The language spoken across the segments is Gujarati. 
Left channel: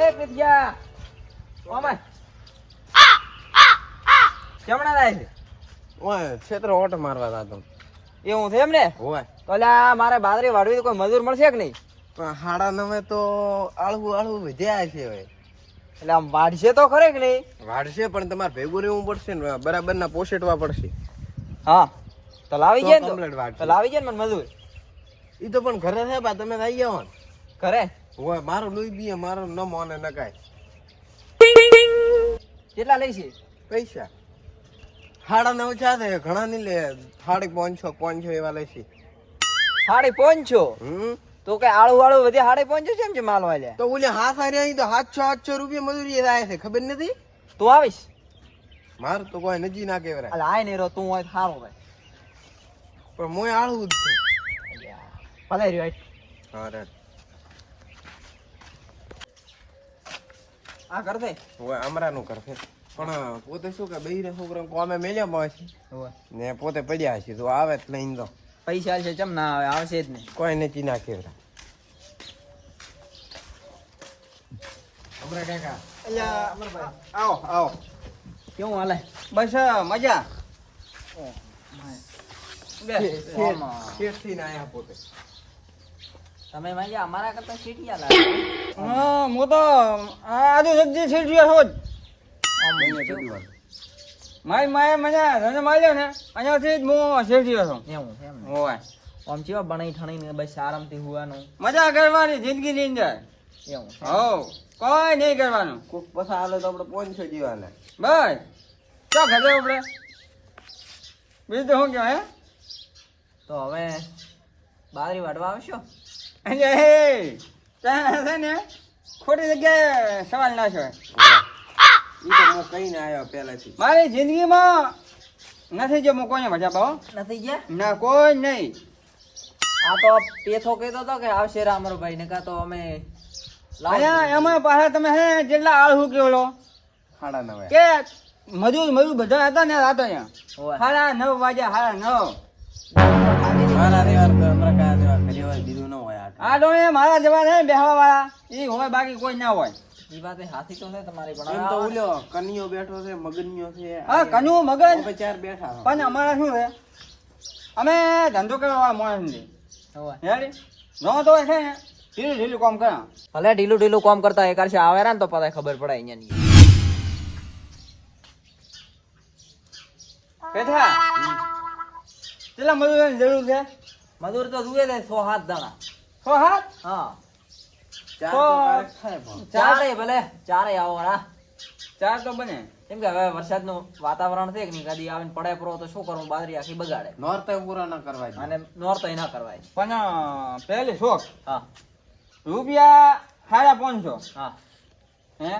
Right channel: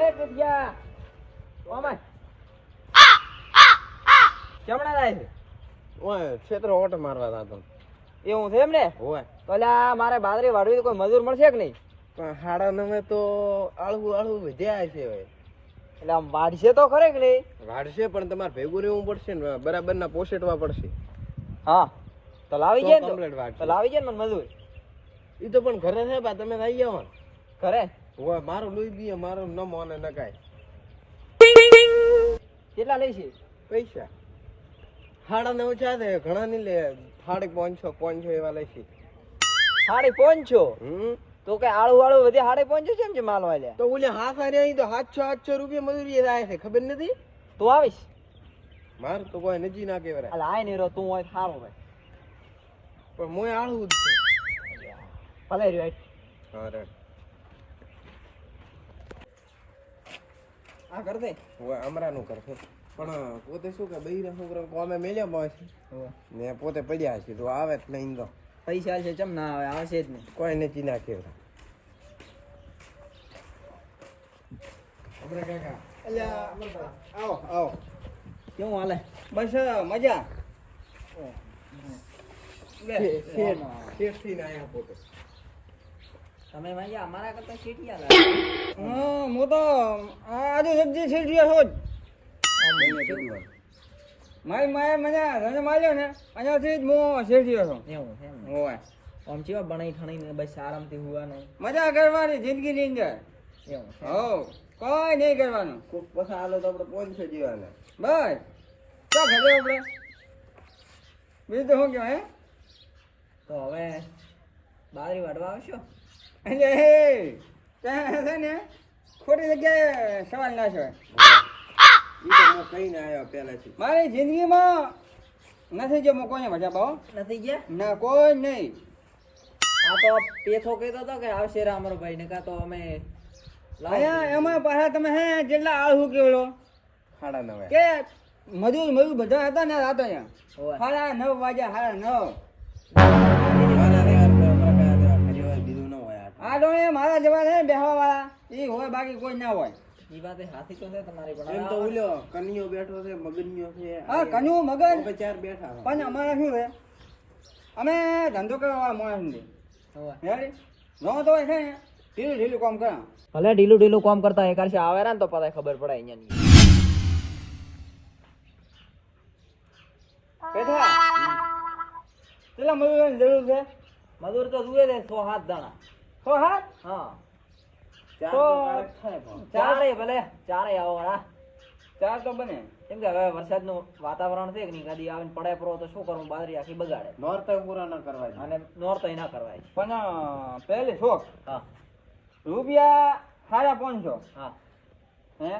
એ કૃતિયા ઓમાય કેમણા લાય છે? ઓય ક્ષેત્ર ઓટ મારવા દાતો એ હું છે એમ ને હોય. તો લ્યા મારે બાદરી વાળવી તો કોઈ મજૂર મળશે કે નહીં? પણ હાડા નમે તો આળવું આળવું વધ્યા છે હવે. એટલે આમ વાઢશે તો ખરે કે નહીં? વાઢશે પણ તમારે ભેગું રહેવું પડશે ને બરાબર ના પોષેટવા પડશે. હા. તો લાવી ગયા ને તો? લાવી ગયા ને મને મજૂર. ઈ તો પણ ઘરે છે બા તમે આવી જાઓ ને ઘરે? હોય મારો લોહી બી મારો ન મોને ન કાય કેટલા છે? પૈસા. હાડા નવ ચા છે ઘણા નહીં લે સાડી પાંચસો પાંચસો એવા લેશે સાડી પાંચસો? હમ. તો કઈ આળું વાળું બધી સાડે પાંચસો છે એમ છે માલ વાળ્યા તો ઓલે હાથ હારી અહીં તો સાતસો સાતસો રૂપિયા મજૂરી થાય છે ખબર નથી? તું આવીશ? મારું તો કોઈ નજી ના કેવરાય અલા આય નહીં તું હોય સારું ભાઈ પણ મોય આળવું જ છે. ભલે રહ્યો હા રે. આ કર દે. હોય અમરાનું કરશે પણ પોતે શું કે બૈરા છોકરા કોમે મેલ્યા હોય છે. ને પોતે પડ્યા છે તો આવે જ લઈને તો. પૈસા છે ચમ ના આવે આવશે જ નહીં. કોઈ નચી ના કેવરા. અમરા કાકા. આવો આવો. કેવું હાલે? બસ મજા. બે. આમાં. શેઠથી ને આયા પોતે. તમે ભાઈ અમારા કરતા સીટિયા લાગે. હા હું તો આજુ સબ્જી શીટ્યો છું જ. મારી માએ મને ધંધો માર્યો ને અહીંયાથી જ હું શીટ્યો છું. એવું છે. હોય આમ ચેવા બનાવી ઠણીને બસ આરામથી હુવાનું? મજા કરવાની જિંદગીની અંદર. એવું. હો કોઈ નહીં કરવાનું. કોક પસા હાલે તો આપણે પાંચસો જેવા હાલે. બસ. ચો ઘરે આપણે બીજું શું કહેવાય હે? તો હવે બાજરી વાટવા આવશો? એટલે હે. છે ને ખોટી જગ્યાએ સવાલ ના છે કઈ ના આવ્યો પહેલાથી. મારી જિંદગીમાં નથી જો હું કોઈને મજા પાવો નથી ગયા? ના કોઈ નહીં. આ તો પેથો કહેતો હતો કે આવશે રા ભાઈ ને કાં તો અમે લાવો અહીંયા એમાં પાછા તમે હે જેટલા આળહુ કેવડો? હાડા નવે. કે મજૂર મજૂર બધા હતા ને રાતો અહીંયા. સાડા નવ વાગ્યા સાડા નવ. આ એ મારા જવા છે બેહવા વાળા એ હોય બાકી કોઈ ના હોય. ઈ વાતે હાથી તો છે તમારી પણ એમ તો ઉલ્યો કનિયો બેઠો છે મગનિયો છે હા કનુ મગજ ચાર બેઠા પણ અમારા શું છે? અમે ધંધો કરવા વાળા માણસ છીએ. હોવે. તો છે ને ઢીલું ઢીલું કામ કરા ભલે ઢીલું ઢીલું કામ કરતા એક વર્ષે આવે ને તો પતા ખબર પડે અહીંયા બેઠા. કેટલા મજૂરોની જરૂર છે? મજૂર તો જુએ છે સો હાથ દાણા સો હાથ? હા. ચાર તો- તો થાય પણ. ચારે. ભલે ચારે આવો હા ચાર તો બને. કેમ કે હવે વરસાદનું વાતાવરણ છે કે નહીં? કદી આવીને પડે પરો તો શું કરવું? બાજરી આખી બગાડે. નોરતે પૂરા ન કરવાય. અને નોર્થ ના કરવાય. પણ પહેલી શોખ. હા. રૂપિયા સાડા પાંચસો. હા. હે?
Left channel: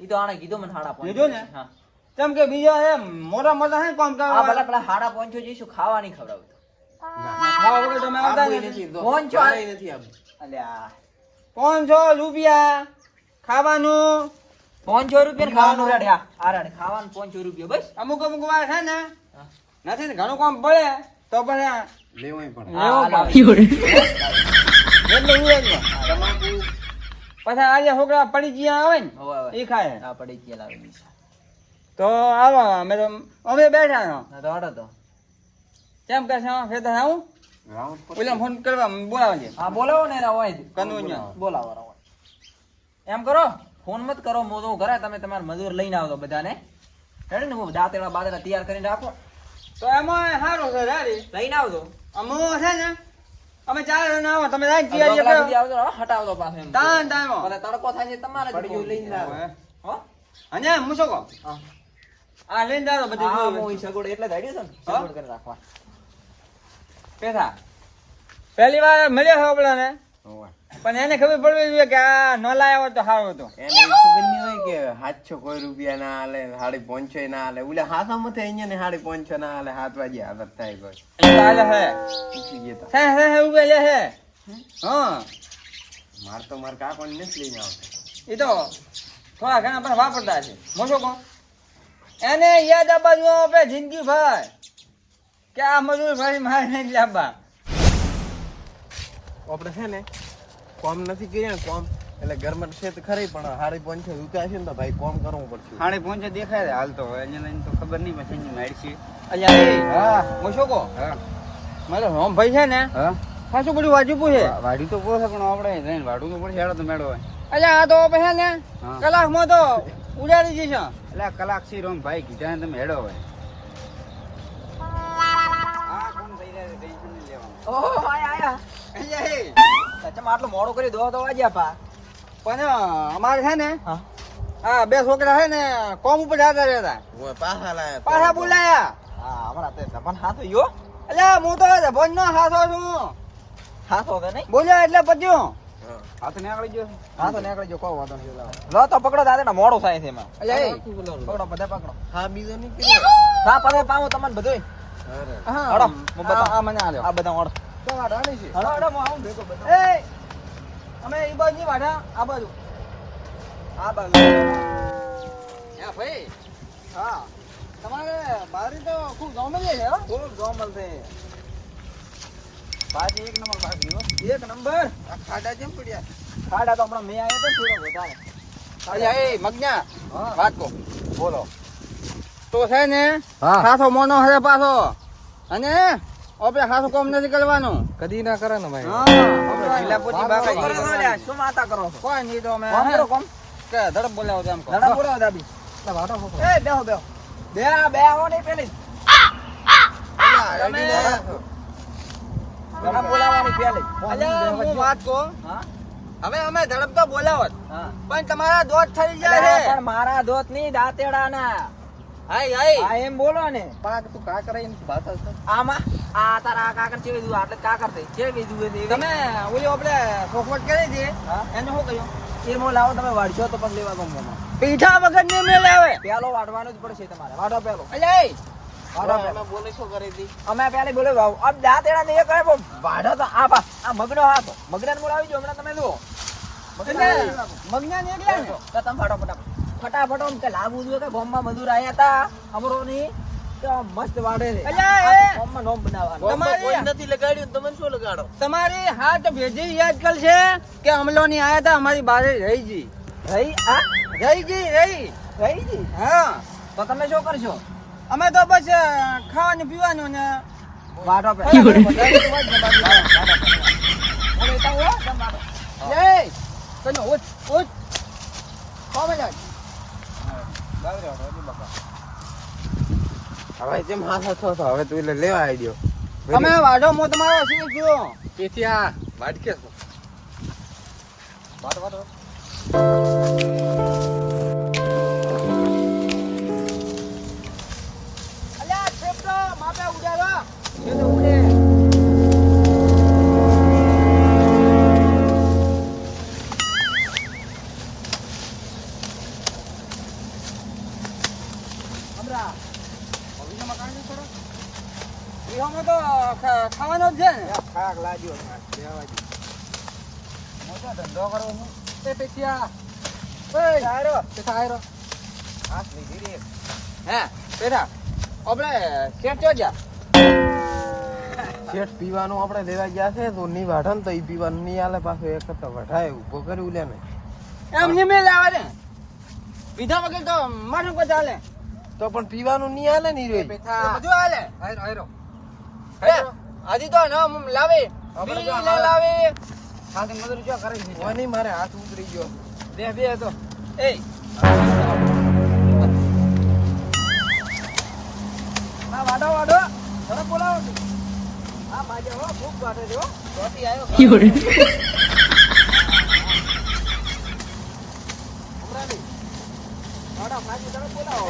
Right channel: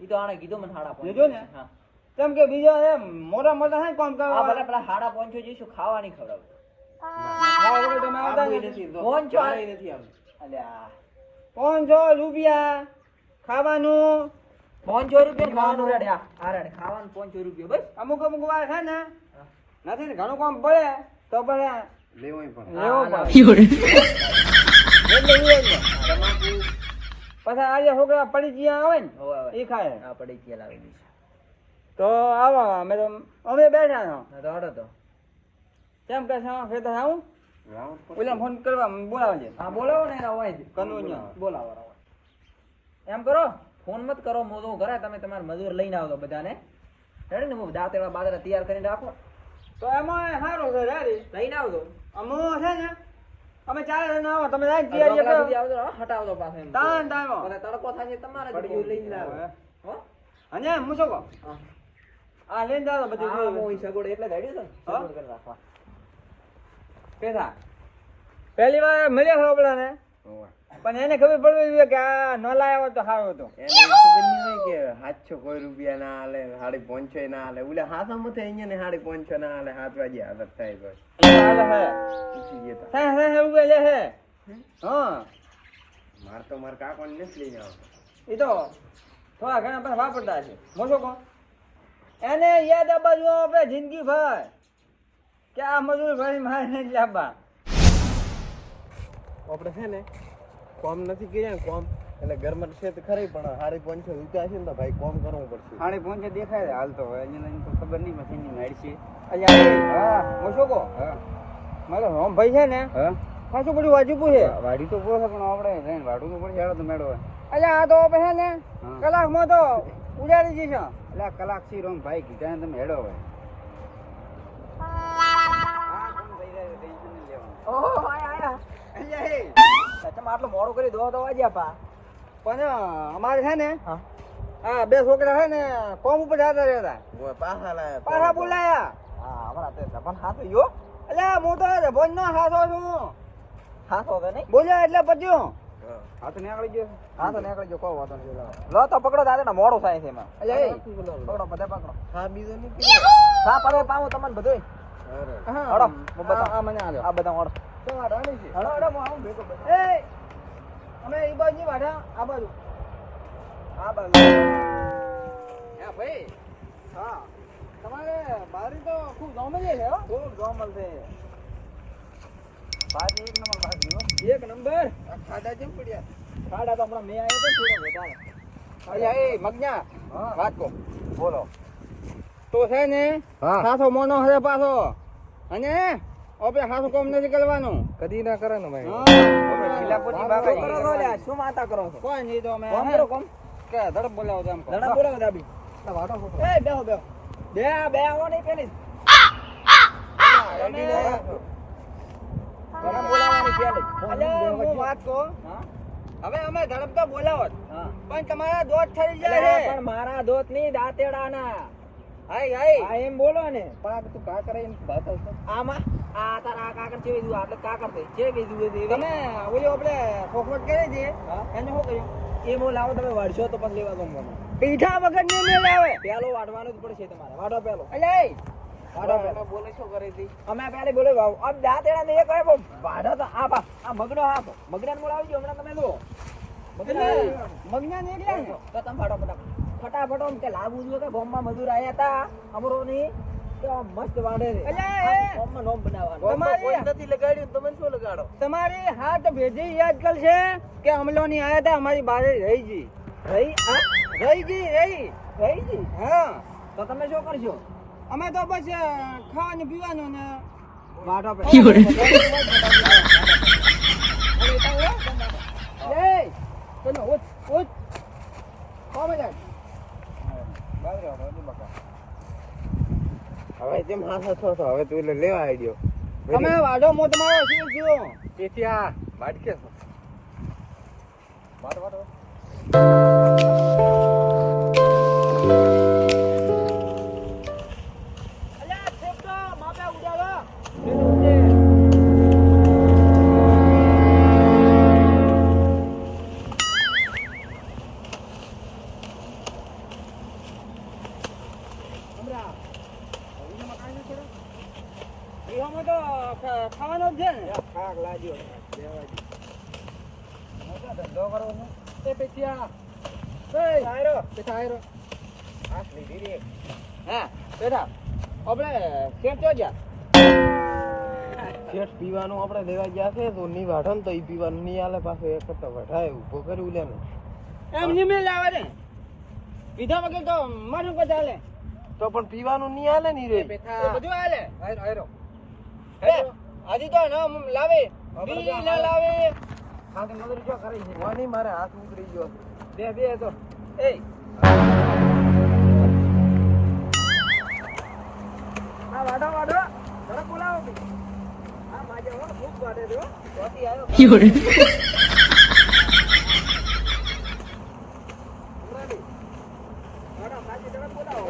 એ તો આણે કીધું મને હાડા પાંચસો કીધું ને? હા. કેમ કે બીજા મોટા મોટા હે કામ હા ભલે પેલા સાડા પાંચસો જઈશું ખાવા નહીં ખવડાવતો પાંચસો ચારેય નથી આબુ. અલ્યા. પાંચસો રૂપિયા? ખાવાનું? પાંચસો રૂપિયા ખાવાનું. રેડે આ રેડે ખાવાનું પાંચસો રૂપિયા બસ. અમુક અમુક વાર છે ને નથી ને ઘણું કામ પડે તો પછી પડે. આજે છોકરા પડી ગયા આવે ને. એ ખાય. આ પડી ગયા લાવી તો આવો અમે તો અમે બેઠા તો. કેમ કે છે ખેતર આવું? પર ફોન કરવા બોલાવે છે હા બોલાવો ને એના હોય જ. કનુંયા. બોલાવો એમ કરો? ફોન મત કરો તો ઘરે તમે તમારા મજૂર લઈને આવજો બધાને. રેડી ને હું દાંતેડા બાદરા તૈયાર કરીને રાખો. તો એમાં સારું છે દાદી લઈને આવજો. અમો છે ને અમે ચાર જણ આવો તમે કલાક તૈયારી સુધી આવજો હટાવજો પાછો એમ. તાન તાન ભલે તડકો થાય છે તમારે જ પડ્યું લઈને આવો. હો? અને હું કો આ લઈને જાવ બધું હા, હું સગોડ એટલે જ છે ને હા? કરીને રાખવા પેથા પહેલી વાર મળ્યા છે આપણાને. પણ એને ખબર પડવી જોઈએ કે આ ન લાયા તો સારું હતું. એને ખબર નહીં હોય કે સાતસો કોઈ રૂપિયા ના હાલે સાડી પાંચસો ના હાલે ઓલે હાથા મથે અહીંયા ને સાડી પાંચસો ના હાલે હાથ વાગે હાલત થાય એટલે હાલે હે. પૂછી ગયા હે હે હે ઉભે લે હે. હા? માર તો માર કાકો નથી લઈને આવતો. એ તો થોડા ઘણા પણ વાપરતા છે મોટો કહો એને યાદ આપવા જો આપણે જિંદગી ભર કે આ મજૂર ભાઈ મારે નહીં લાવવા. આપણે છે ને કોમ નથી કર્યા ને કોમ એટલે ઘરમાં છે તો ખરી પણ હારી પોંચે રૂપિયા છે ને તો ભાઈ કોમ કરવું પડશે. હારી પોંચે દેખાય છે હાલ તો હવે એને લઈને તો ખબર નહીં પછી એની મારી છે. અહીંયા હા હું શું કહું હા. મારો રોમ ભાઈ છે ને હા. ખાસું બધું વાજુપું પૂછે વાડી તો પૂછે પણ આપણે જઈને વાડું તો પડશે હેડો તો મેળો હોય. અલ્યા આ તો પછી ને કલાક કલાકમાં તો ઉડાડી જશે એટલે કલાક સી રોમ ભાઈ કીધા ને તમે હેડો હોય આટલું મોડું કરી દો તો વાગ્યા પા. પણ અમારે છે ને હા. બે છોકરા છે ને કોમ ઉપર જતા રહેતા પાછા લાયા પાછા બોલાયા. હા તે સપન હાથ યો અલ્યા હું તો ભોજ નો હાથો છું. હાથ હોગે નહીં. બોલ્યા એટલે પત્યું હાથ નીકળી ગયો. હાથ નીકળી જો કોઈ વાંધો નહીં લો તો પકડો દાદા મોડું થાય છે એમાં. પકડો બધા પકડો. હા બીજો નહીં હા પકડો પામો તમને બધું હા આ મને આલ્યો. આ બધા બધા. અમે એ બાજુ નહીં વાડા આ બાજુ. આ બાજુ. હા ભાઈ હા. તમારે બારી તો ખૂબ જમલી છે હો. ખૂબ ગોમલ છે. બાજી એક નંબર બાજી એક નંબર? આ ખાડા જેમ પડ્યા. ખાડા તો હમણાં મેં આવ્યો તો થોડો વધારે અરે મગના. વાત કો બોલો. તો છે ને સાસો મોનો હશે પાછો. અને આપણે સાસો કોમ નથી કરવાનું. કદી ના કરે ને ભાઈ શું કરો છો લ્યા? શું વાતા કરો છો? કોઈ નહીં તો અમે કોમ કરો કોમ? કે ધડક બોલાવો તો એમ કહો. ધડા બોલાવો દાબી. એ બેહો બેહો. બે બે આવો નહીં પેલી. તમે ધડા બોલાવવાની પેલી. અલ્યા, હું વાત કહું? હા? હવે અમે ધડક તો બોલાવત. પણ તમારા દોત થઈ જાય અલ્યા, છે. પણ મારા દોતની દાંતેડા ના હાય હાય. આ એમ બોલો ને. પાક તું કા કરે એમ વાત હશે આમાં? આ તારા આ કાકર ચેવી દીધું આટલે છે. તમે ઓલી આપણે સોખવટ કરી છે એને શું કહ્યું? એ મો લાવો તમે વાડશો તો પણ લેવા ગમો પીઠા વગર ને મેલે આવે પેલો વાડવાનો જ પડશે તમારે. વાડો પેલો અલ્યા વાડો પેલો બોલે શું કરી હતી અમે પેલે બોલે વાવ અબ દાંતેડા ને એક આવે વાડો તો આ આ મગનો હાથો. મગના બોલાવી જો હમણાં તમે લો એટલે મગના ને? એટલે તો તમે ફટાફટ ફટાફટ. ફટાફટ આમ કે લાંબુ જોઈએ કે ગોમમાં મજૂર આયા હતા અમરો ની મસ્ત વાડે એ. ગોમમાં નોમ બનાવવાનો. તમારે કોઈ નથી લગાડ્યું તમે શું લગાડો? તમારી હાથ ભેજી યાદ છે કે અમલો ની આયા હતા અમારી બારે રહી જી. રહી? આ રહી જી રહી. રહી જી? હા. તો તમે શું કરશો? અમે તો બસ ખાવાનું પીવાનું ને વાડો પે. એ તને ઉઠ ઉઠ કોમે જા હવે જેમ હાથો છો તો હવે તું એટલે લેવા આવી ગયો. તમે વાઢો મો તમારો શું કયો તેથી આ વાટકે છો. અલ્યા કાઢી તો ખાવાનો જ છે ને. ખાક લાગ્યો દેવાજી મોટો ધંધો પેટિયા એ સારો તે થાયરો હાથ લીધી રે. હે પેટા આપણે શેઠ ચો જા શેઠ પીવાનું આપણે દેવા ગયા છે તો ની વાઢન ને તો ઈ પીવાનું નહીં આલે પાછો એક તો વઢાય ઊભો કર્યું લે ને. એમ નહીં મે આવે ને. પીધા વગર તો મારું બધા ચાલે તો પણ પીવાનું નહીં આલે ની રે એ બધું હાલે. આયરો આયરો હજી તો ના લાવે. બીજી ના લાવે. સાથે મજૂરી જો કરે છે. વાની મારે હાથ ઉતરી ગયો. બે બે તો એ. ના વાડો વાડો. બરાબર બોલાવો તું આ માજે હો ખૂબ વાડે જો બેટી આવ્યો અમરાલી વાડો માજી તરફ બોલાવો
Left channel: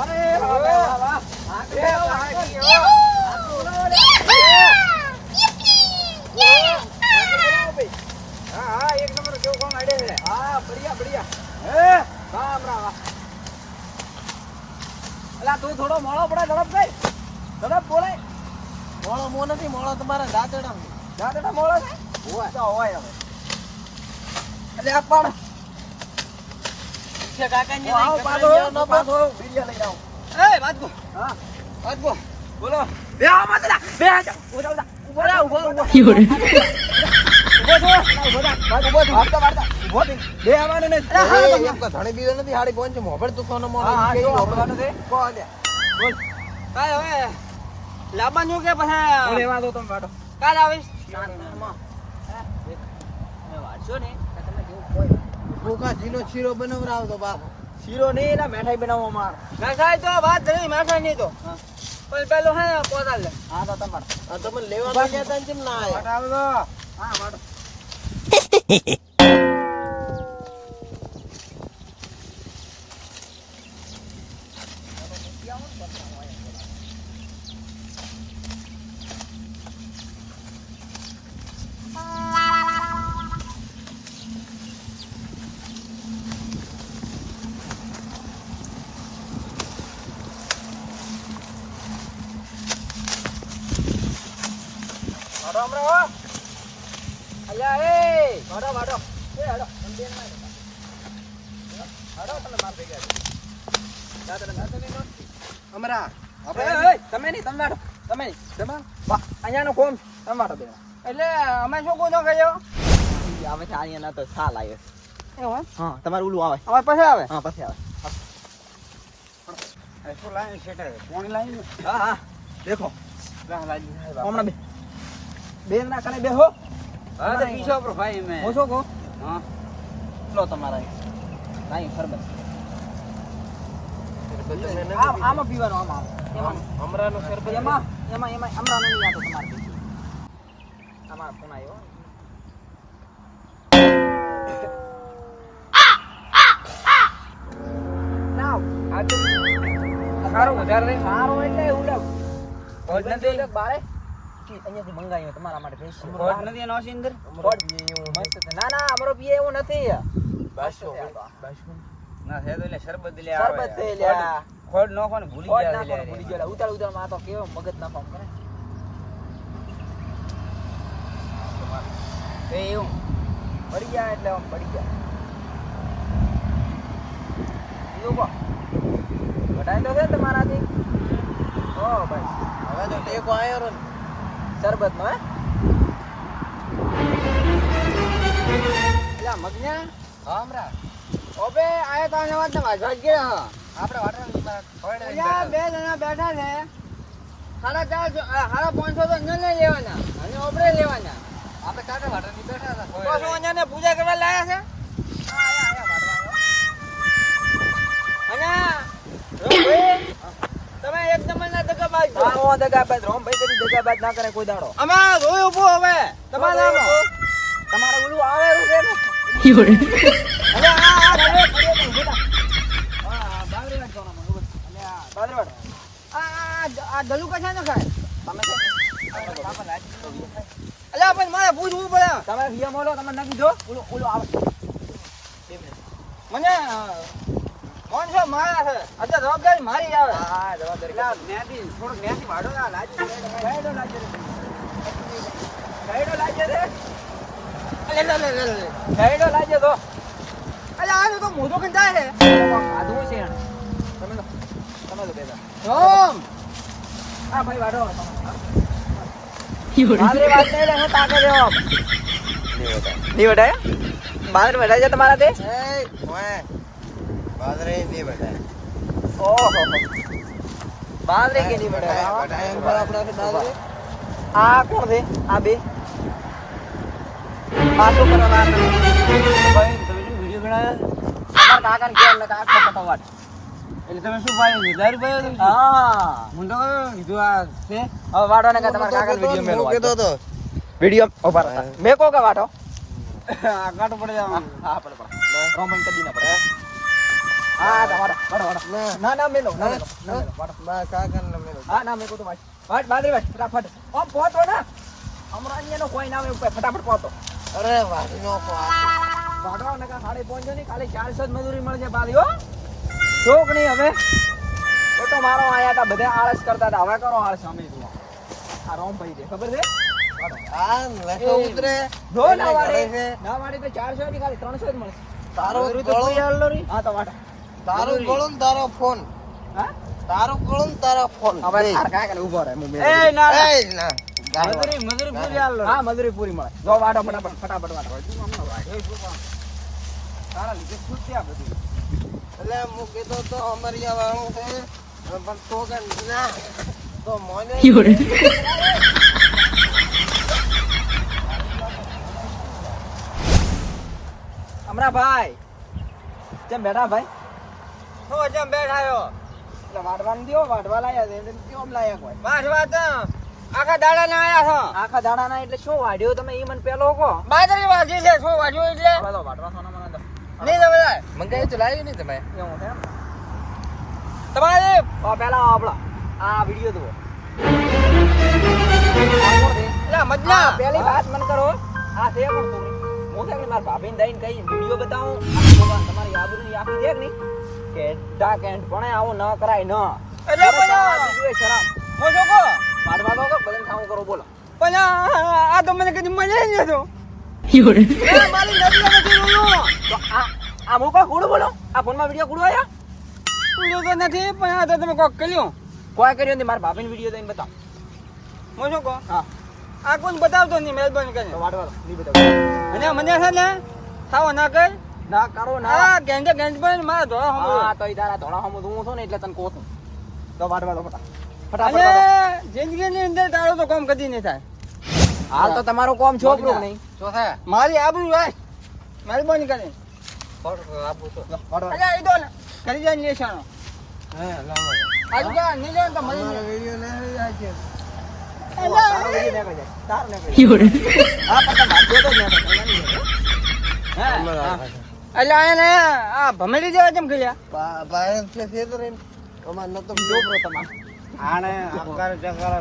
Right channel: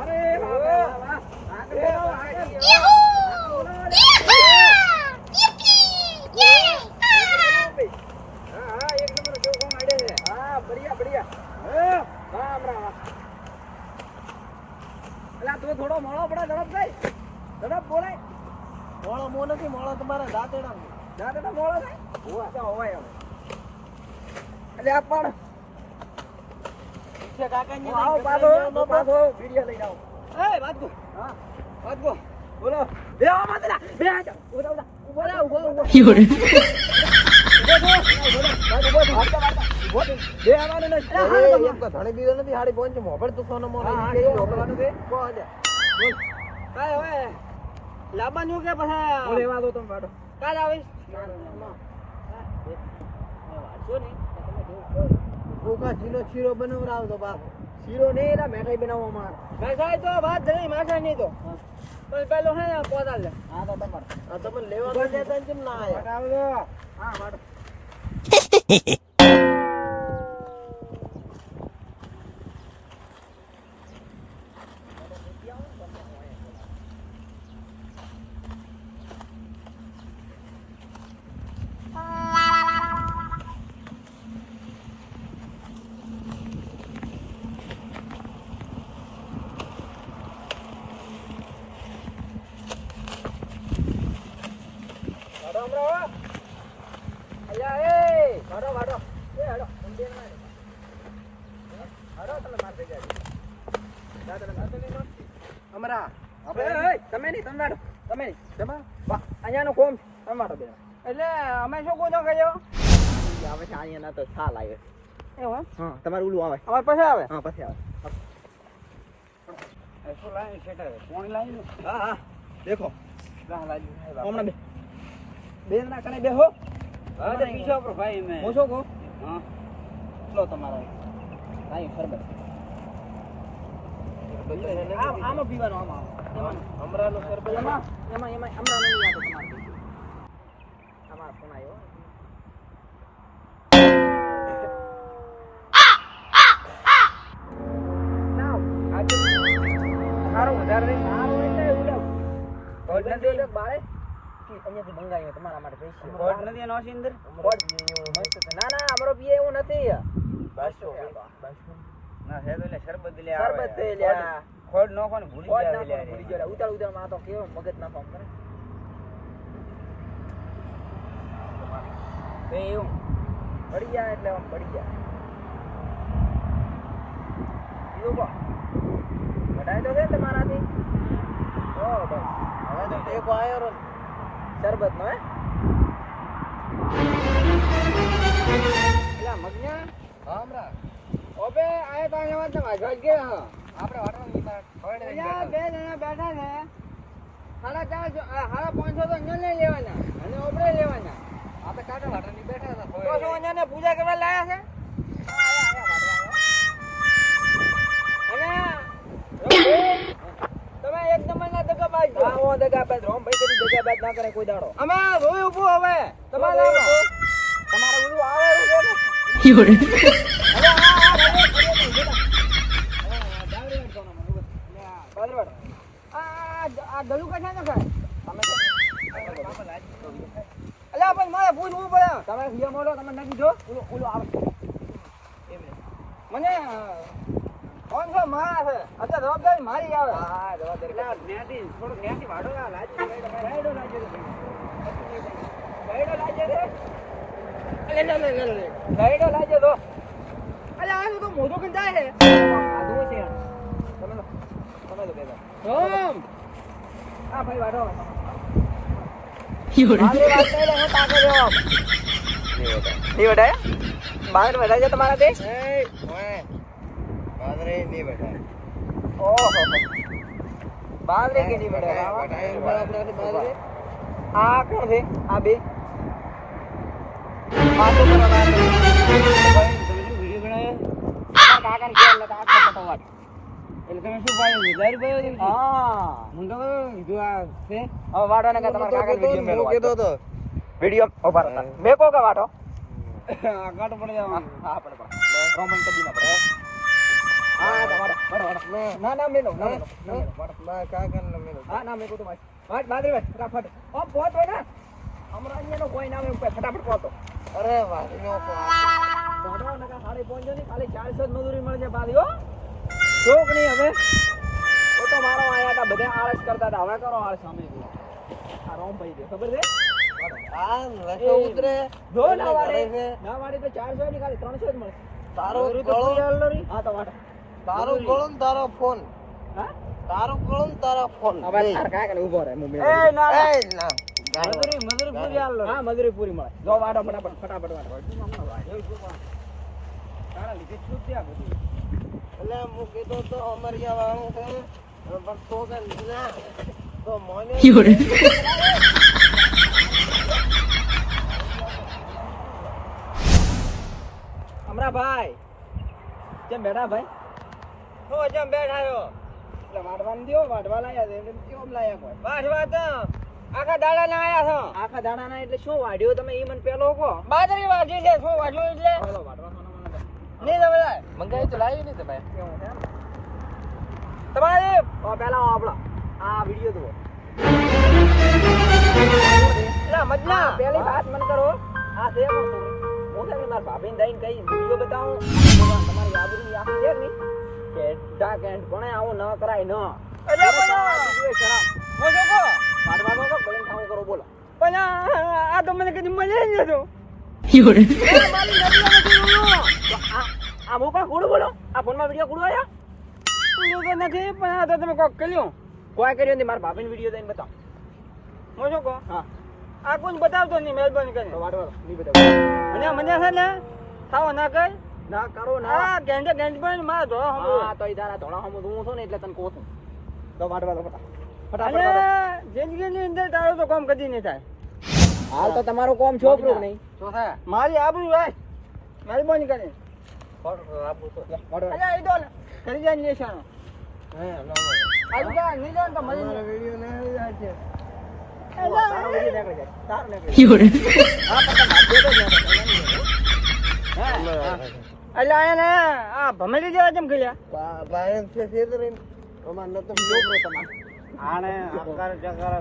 અરે વાહ વાહ વાહ હા કે વાહ કે બોલાવો રે હા હા એક નંબર કેવું કામ આડે છે હા બઢિયા બઢિયા હે રામ રામ એલા તું થોડો મોળો પડે ઝડપ કઈ ઝડપ બોલાય મોળો મો નથી મોળો તમારા દાંતડા દાદા મોળો છે હોય તો હોય હવે એટલે આ પણ કાકાની હું આવો પાછો ન પાછો વિડિયો લઈ આવો. એ વાજગો હા. વાજગો બોલો. બે આવો મત લા બે આ ઊભો ઊભો ઊભો ઊભો Fiore. ઊભો થો ઊભો ઊભો થા હાથ તો કાઢતા બે આવવાનું ને. એ એમ કે ધણી બીજો નથી હાડી પહોંચે મોભળ તું કોનો મોનો હા હા જો ઈ છે. કો આલ્યા. બોલ. કાલ હવે લાવવાનું કે પછી લેવા દો તમે વાટો કાલ આવીશ. વાંચો ને. હોય ભૂખા જીનો શીરો બનાવરાવતો બાપો. શીરો નહીં એના મેઠાઈ બનાવવા માર. મીઠાઈ તો વાત નહીં મેઠાઈ નહીં તો. હા. પણ પેલો હે પોતા લે. હા તો તમારે. તમે લેવા તો કહેતા ને ના આવો તો હા વાટો વાટો હમણાં હો અલ્યા એ વાટો વાટો એ હાડો મંદિર ના હાડો તમે માર ભેગા જા તને ના તને નો અમરા એ, એ, તમે નહીં તમે વાટો તમે નહીં તમે વા અહીંયાનો કોમ તમારો બે એટલે અમે શું ગુનો કર્યો આવે છે અહીંયા ના તો સાલ આવે એવું હે? હા તમારું ઓલું આવે. હવે પછી આવે? હા પછી આવે. શું લાઈન છે કોણ લાવી હા હા. દેખો. લાઈન હમણાં બે. બે ના કને બે હો પીછો ભાઈ મેં. હું શું કહું હા. લો તમારા કાંઈ આ આમાં પીવાનું આમાં. એમાં અમરાનું શરબત એમાં એમાં એમાં અમરાનો નહીં આતો તમારે. ફોન આવ્યો. માટે. ના ના અમારો પીએ એવું નથી. બાસો. ના શરબત લે શરબત. ખોડ ને ભૂલી ગયા નાખવાનું ભૂલી ગયો. ઉતાળ ઉતાળમાં તો કેવો મગજ ના કામ કરે તો એવું. પડી ગયા એટલે આમ પડી ગયા. બીજું કો ઘટાય તો છે તમારાથી? ઓ બસ. હવે તો ટેકો રો શરબત નો. હે? મગન્યા હા અમરા ઓબે આયા તો આને વાત ના વાજ ગયા હા. આપણે ખોડે અલ્યા બે જણા બેઠા છે. સાડા ચાર સાડા પાંચસો તો અહીંયા નહીં લેવાના અને ઓબરે લેવાના. આપણે ચાર વાટરની બેઠા હતા તો શું ને પૂજા કરવા લાયા છે? અહીંયા તમે એક દગાબાજ. હા હું દગાબાજ રોમભાઈ કદી દગાબાજ ના કરે કોઈ દાડો. અમારે રોય ઊભો હવે તમારે તમારે. ઓલું આવે છે ને હા, બાંગડીવાડ જવાનું મને ખબર. અલ્યા, બાંગડીવાડ. આ આ- આ દલું કશા ન ખાય? છે અલ્યા પણ મારે પૂછવું પડે. તમે વિયા મોલો તમે ના કીધો? ઓલો ઓલો આવે. મને પાંચસો મારા છે. અત્યારે જવાબદારી મારી આવે. હા જવાબદારી. ન્યાથી થોડુંક ન્યાથી વાળો આ લાજી ગાયડો લાજી ગાયડો લાગ્યો રે લે લે લે લે ગાયડો લાગ્યો તો? અલ્યા આ તો મોઢું કંટાય છે. આધું છે તમે તમે બેટા રોમ. છે તમારા તે? બાદરે ઓહો. બાદરે કે નહીં વટાય? આપણે બાદરે આ કોણ છે આ બે વીડિયો કાકાને કહેવાય ને કાકા ફટાફટ. એટલે તમે શું ભાઈ હજાર રૂપિયા હા. હું તો કીધું આ છે. હવે વાટો ને તમારે કાગળ વીડિયો હું મેળવો. તો. વીડિયો ઊભા. મેં કહો કે વાટો? આ કાટો પડે. હા પડે પડે. રોમન કદી ના પડે હા? તો વાટો વાટો ના ના મેલો ના મેલો ના મેલો ના બા કાકાને મેલો. હા ના મેં કો તો વાટ. વાટ બાદરી વાટ ફટાફટ. ઓ પહોંચો ને. હમણાં અહીંયાનો કોઈ ના આવે ફટાફટ પહોંચો. અરે વાટી નો વાટો ને કા સાડી પહોંચો કાલે ખાલી ચારસો જ મજૂરી મળશે પાછી હો. શોખ નહીં હવે? ફોટો મારો આયા હતા બધા આળસ કરતા હતા. હવે કરો આળસ અમે જુઓ. આ રોમભાઈ છે ખબર છે? ચારસો ની ખાલી ત્રણસો જ મળશે. તારું ગળું? તારું ફોન. હા? તારું ગળું તારો ફોન. ઊભો રહે હું. મજૂરી પૂરી મળે. જો વાડો ફટાફટ ફટાફટ વાડો. તારા લીધે છે આ બધી. એટલે હું કીધું તો અમરિયા વાળું છે પણ તો કે ના તો મોને અમરાભાઈ કેમ બેઠા ભાઈ? તો જેમ બેઠાયો. એટલે વાડવાનું દો વાડવા લાયા છે એટલે કેમ લાયા કોઈ? વાડવા તો આખા દાડા ના આયા છો. આખા દાડા ના એટલે શું વાડ્યો તમે એ મને પેલો કહો. બાજરી વાગી છે શું વાડ્યો એટલે? વાડવા સોના મને દો. નહીં તો બધા મંગાઈ ચલાવી નહીં તમે? તમારે તો પેલા આપણા આ વીડિયો જુઓ. મજના. પેલી વાત મને કરો. આ છે. હું છે મારા ભાભીને દઈને કઈ વીડિયો બતાવું. તમારી આબરૂની આખી છે કે નહીં કે ડાક એન્ડ પણ આવો ન કરાય ન. એટલે વાડવા દો તો બધાને ખાવું કરો બોલો. પણ આ તો મને કદી મળે જ નતો તો આ મો મૂકો કુડું બોલો. આ ફોનમાં વીડિયો કુડું આયા? તો નથી પણ આ તો તમે કોક કર્યું. કોઈ કર્યો નહીં મારા ભાભીને વીડિયો દઈને બતાવ. હું શું કહું? હા. આ કોણ બતાવતો નહીં મહેરબાની તો કરીને વાડવા નહીં બતાવ મને છે ને થાવો ના કર. ના કરો ના. ગેંડે ગેંડ પર મારા ધોળા હા તો ઈ તારા ધોળા હમું હું છું ને એટલે તને કહું છું. તો વાડવા દો ફટા ફટાફટ જિંદગીની અંદર તારો તો કામ કદી નહીં થાય. હાલ તો તમારું કોમ છોકરું નહીં? થાય મારી આબરૂ રાખ. મહેરબાની કરીને. ભમેડી જેવા કેમ કર્યા આને અકર જાય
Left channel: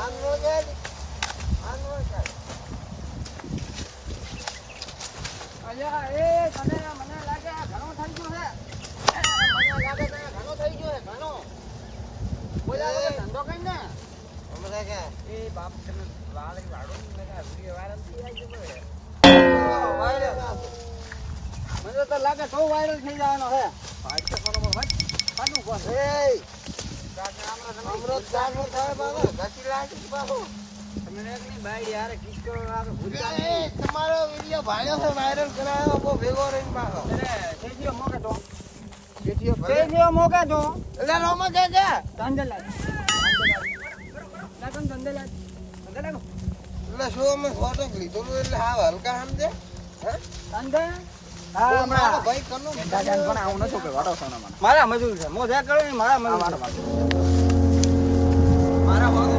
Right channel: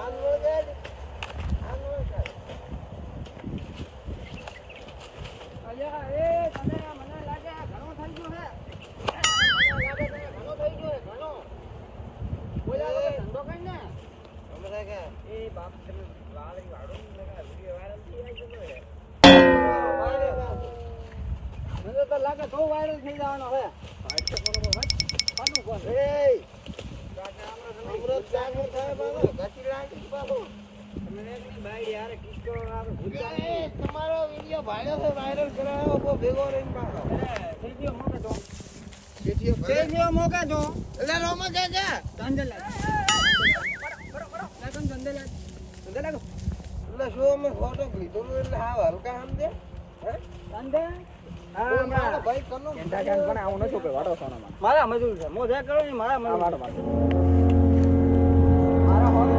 આંગળો જાય અલ્યા એ તને લાગે એ વીડિયો વાયરલ થઈ જવાનો છે પાંચસો ફોલોવર હોય. પાછું કોણ? એય અમૃત જાગો થાય બાબા ઘસી લાગે બાબુ તમારો વિડિયો ભાઈઓ છે વાયરલ કરાયો બહુ ભેગો રહીને બાબા એને મોકે તો. જેવો મોકા તો એટલે રોમા કે કે? ધંધે લાગમ ધંધે લાગ એટલે શું અમે ફોટો લીધો એટલે હા હલકા સમજે હે? ધંધે? હા, મારો ભાઈ કનો પણ આવું નતું કે વાડો સોનામાં. મારા મજૂર છે. મોઢા કરે મારા મજૂર. મારા હોનું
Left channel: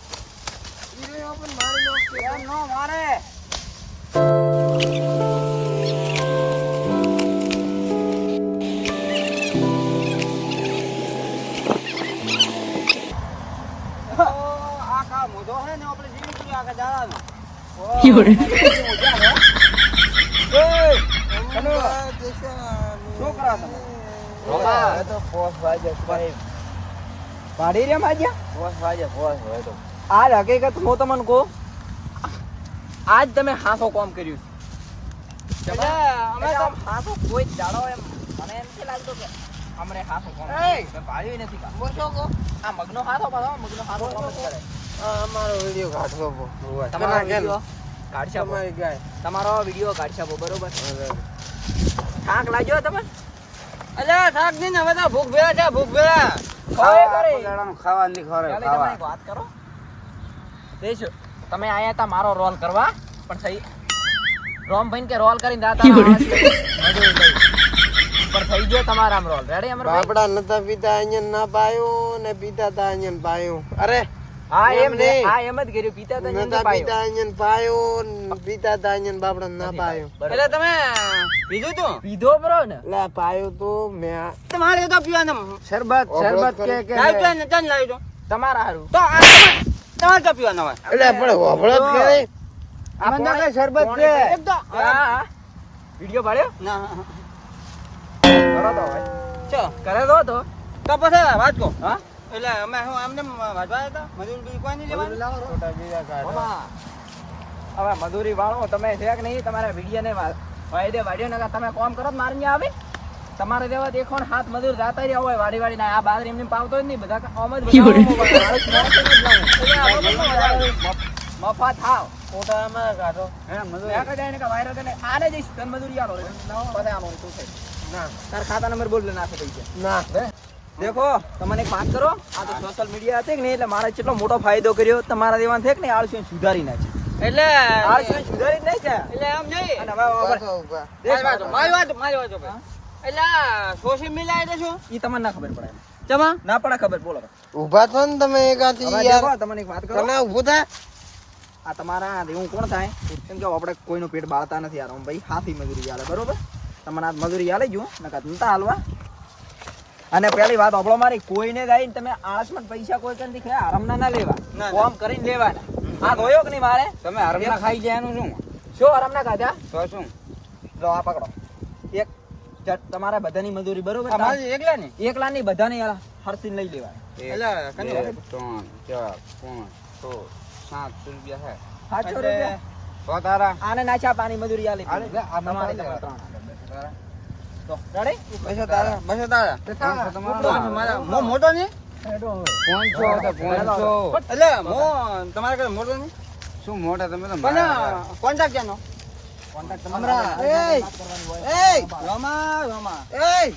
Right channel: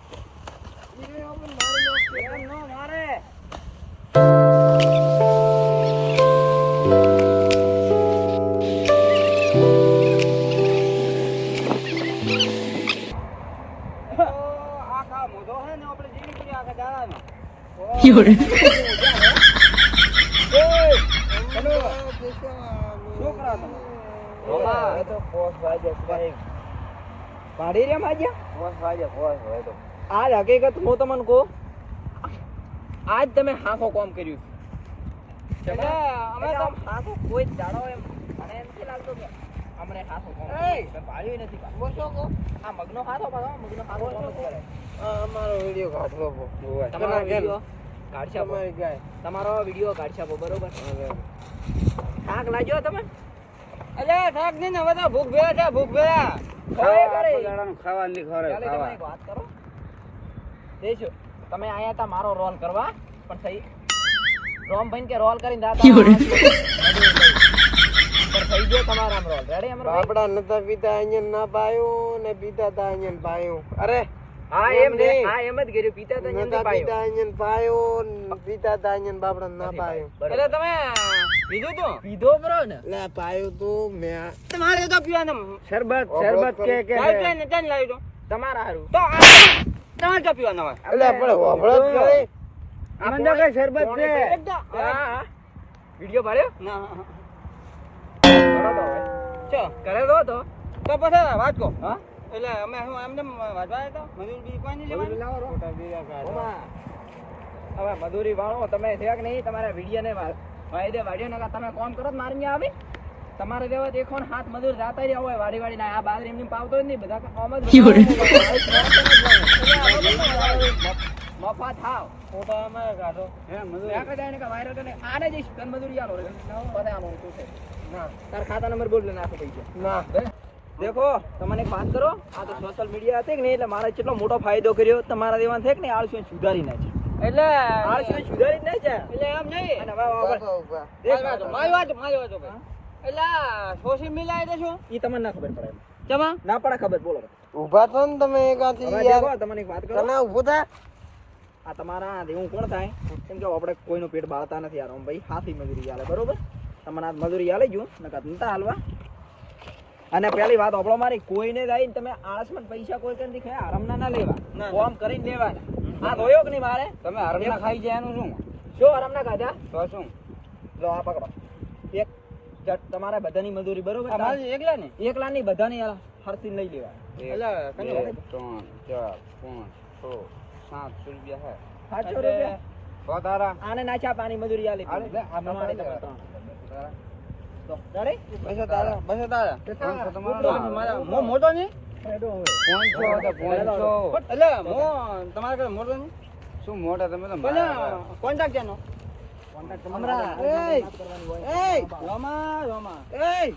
મારે ઉડાઈ માજ્યા? ફોસ વાજે કર્યું હોય તો. આ હકીકત હું તમને કહું આજ તમે હાસો કોમ કર્યું છે. કોઈ દાડો એમ મને એમ નથી લાગતું કે અમને હાસો કોમ એય! કર્યું. મેં ભાળ્યું નથી કામ. બોસો કો આ મગનો કોમ કરે. અમારો વિડિયો કાઢવો તમારો વીડિયો કાઢશે. તમારી વીડિયો કાઢશે બરોબર? થાક લાગ્યો તમે અલ્યા થાક નહીં હવે તો ભૂખ ભેળા છે ભૂખ ભેળા. ખાવાની ખરે ચાલો, વાત કરો. દેશો તમે આયા તા મારો રોલ કરવા પણ થઈ રોમભાઈ કે રોલ કરીને દાતા પણ થઈ ગયો તમારા રોલ રેડી અમર બાપડા નતા પીતા અહીંયા ના પાયો ને પીતા તા અહીંયા પાયો. અરે હા એમ ને. હા એમ જ કર્યું. પીતા તા એમ પાયો. પીતા અહીંયા પાયો ને પીતા હતા અહીંયા બાપડા ના પાયો. એટલે તમે પીધું તું? પીધો બરો ને. એટલે પાયો તો મેં તમારે તો પીવાનું. શરબત શરબત કે કે લાવ તો. તમારા હારું. તો આ- તમારે તો પીવાના હોય? એટલે પણ હોભળો જ કરે. આ મને કે શરબત છે? તો હા હા. વિડિયો પાડ્યો? ના. કરો તો હવે. ચો. કરે તો તો. તો પછી વાત કહો. હા? એટલે અમે હું આમને વાંચવા હતા? મજૂર બીજું કોઈ નહીં લેવાનું? બાબા હવે મજૂરી વાળો તમે છે કે નહીં? તમારા વિડિયો ને વાયદે વાડ્યો ને તમે કોમ કરો તો આવી આવે? તમારે દેવા દેખો ને હાથ મજૂર જાતા રહ્યા હોય વાડી વાડી આ બાદર એમને પાવતો જ નહીં બધા આમ જ મફા થાવ અમારા કાઢો હા મજૂર. એક જાય ને કે વાયરલ કરીને આને જઈશ તન મજૂરી આલો બધા આલો તું છે? ના. તાર ખાતા નંબર બોલ નાખો પૈસા. ના. દેખો તમને એક વાત કરો આ તો સોશિયલ મીડિયા કે નહીં એટલે મારે કેટલો મોટો ફાયદો કર્યો તમારા દેવાન છે કે નહીં આળસીઓને સુધારી નાખી. એટલે આળસુ સુધારી જ નહીં છે. એટલે આમ નહીં. અને હવે હવે ઊભા ઊભા. દેશ મારી વાત મારી વાત મારી વાત ભાઈ એટલે સોશિયલ મીડિયા એટલે શું? ઈ તમને ના ખબર પડે. ચમા? ના પડે ખબર બોલો. ને તમે યાર. તમને એક વાત કરો. તમે ઊભું થા. આ તમારા કોણ થાય? કેમ કે આપણે કોઈનું પેટ બાળતા નથી યાર. આમ ભાઈ હાથી મજૂરી આલે બરોબર? તમને આ મજૂરી આલે ગયું નકા નતા હાલવા. અને પેલી વાત આપણો મારી કોઈને જાય ને તમે આળસમાં પૈસા કોઈ કરીને દેખાય આરામના ના લેવા. કોમ કરીને લેવાના. આ ધોયો કે નહીં મારે? તમે હરમના ખાઈ જાય એનું શું? શું આરામના ખાધા? તો શું? લો આ પકડો. એક તમારે બધાની મજૂરી બરોબર? એકલા ને એકલા ની બધાની હરસી લઈ કંઈ ત્રણ ચાર પાંચ છ સાત રૂપિયા છે. સાતસો રૂપિયા? તારા આને નાચા પાણી મજૂરી આલી. તમારે ત્રણ. હા, હું મોટો નહીં? હું તમારા મોટો નહીં? શું મોટા તમે તો પણ કોન્ટેક્ટ તમારા. એય, રોમા રોમા. એય,